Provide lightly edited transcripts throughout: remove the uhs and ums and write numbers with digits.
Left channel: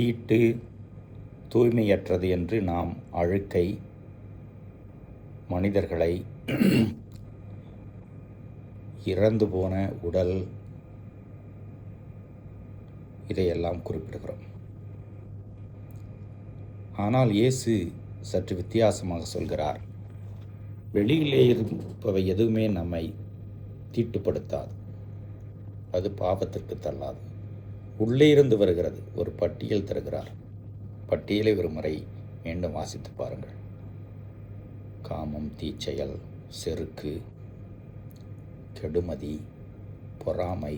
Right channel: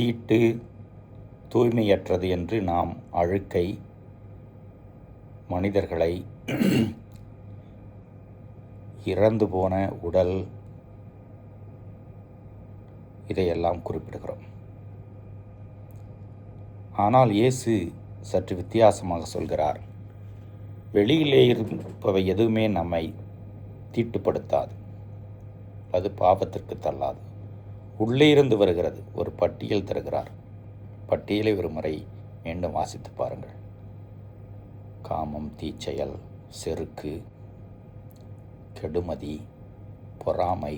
தீட்டு, தூய்மையற்றது என்று நாம் அழுக்கை, மனிதர்களை, இறந்து போன உடல், இதையெல்லாம் குறிப்பிடுகிறோம். ஆனால் இயேசு சற்று வித்தியாசமாக சொல்கிறார். வெளியிலே இருப்பவை எதுவுமே நம்மை தீட்டுப்படுத்தாது, அது பாவத்திற்கு தள்ளாது. உள்ளே இருந்து வருகிறது. ஒரு பட்டியல் தருகிறார். பட்டியலை ஒரு முறை மீண்டும் வாசித்து பாருங்கள். காமம், தீச்செயல், செருக்கு, கெடுமதி, பொறாமை,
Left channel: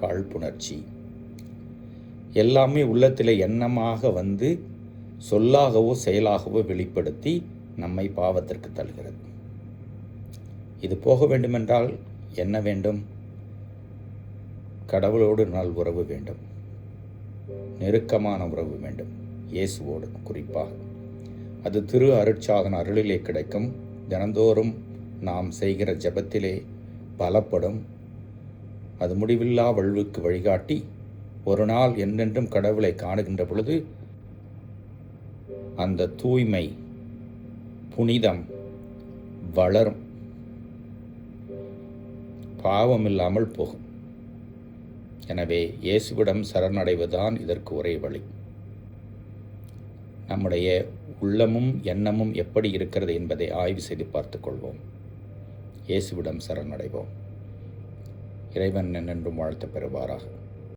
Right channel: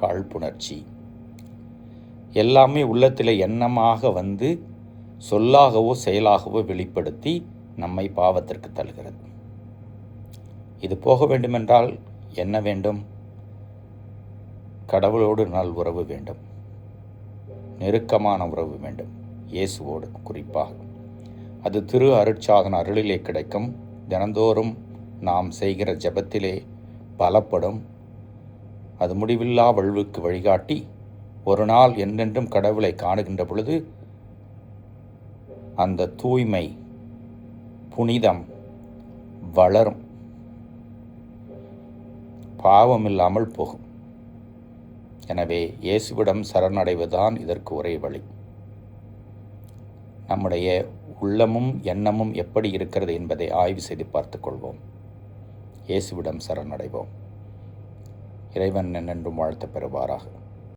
காழ்ப்புணர்ச்சி எல்லாமே உள்ளத்தில் எண்ணமாக வந்து சொல்லாகவோ செயலாகவோ வெளிப்படுத்தி நம்மை பாவத்திற்கு தள்ளுகிறது. இது போக வேண்டுமென்றால் என்ன வேண்டும்? கடவுளோடு நல் உறவு வேண்டும், நெருக்கமான உறவு வேண்டும், இயேசுவோடு குறிப்பாக. அது திரு அருட்சாதன அருளிலே கிடைக்கும். தினந்தோறும் நாம் செய்கிற ஜெபத்திலே பலப்படும். அது முடிவில்லா வாழ்வுக்கு வழிகாட்டி ஒரு நாள் என்றென்றும் கடவுளை காணுகின்ற பொழுது அந்த தூய்மை, புனிதம் வளரும், பாவம் இல்லாமல் போகும். எனவே இயேசுவிடம் சரணடைவதுதான் இதற்கு ஒரே வழி. நம்முடைய உள்ளமும் எண்ணமும் எப்படி இருக்கிறது என்பதை ஆய்வு செய்து பார்த்துக் கொள்வோம். இயேசுவிடம் சரணடைவோம். இறைவன் என்றும் வாழ்த்து பெறுவாராக.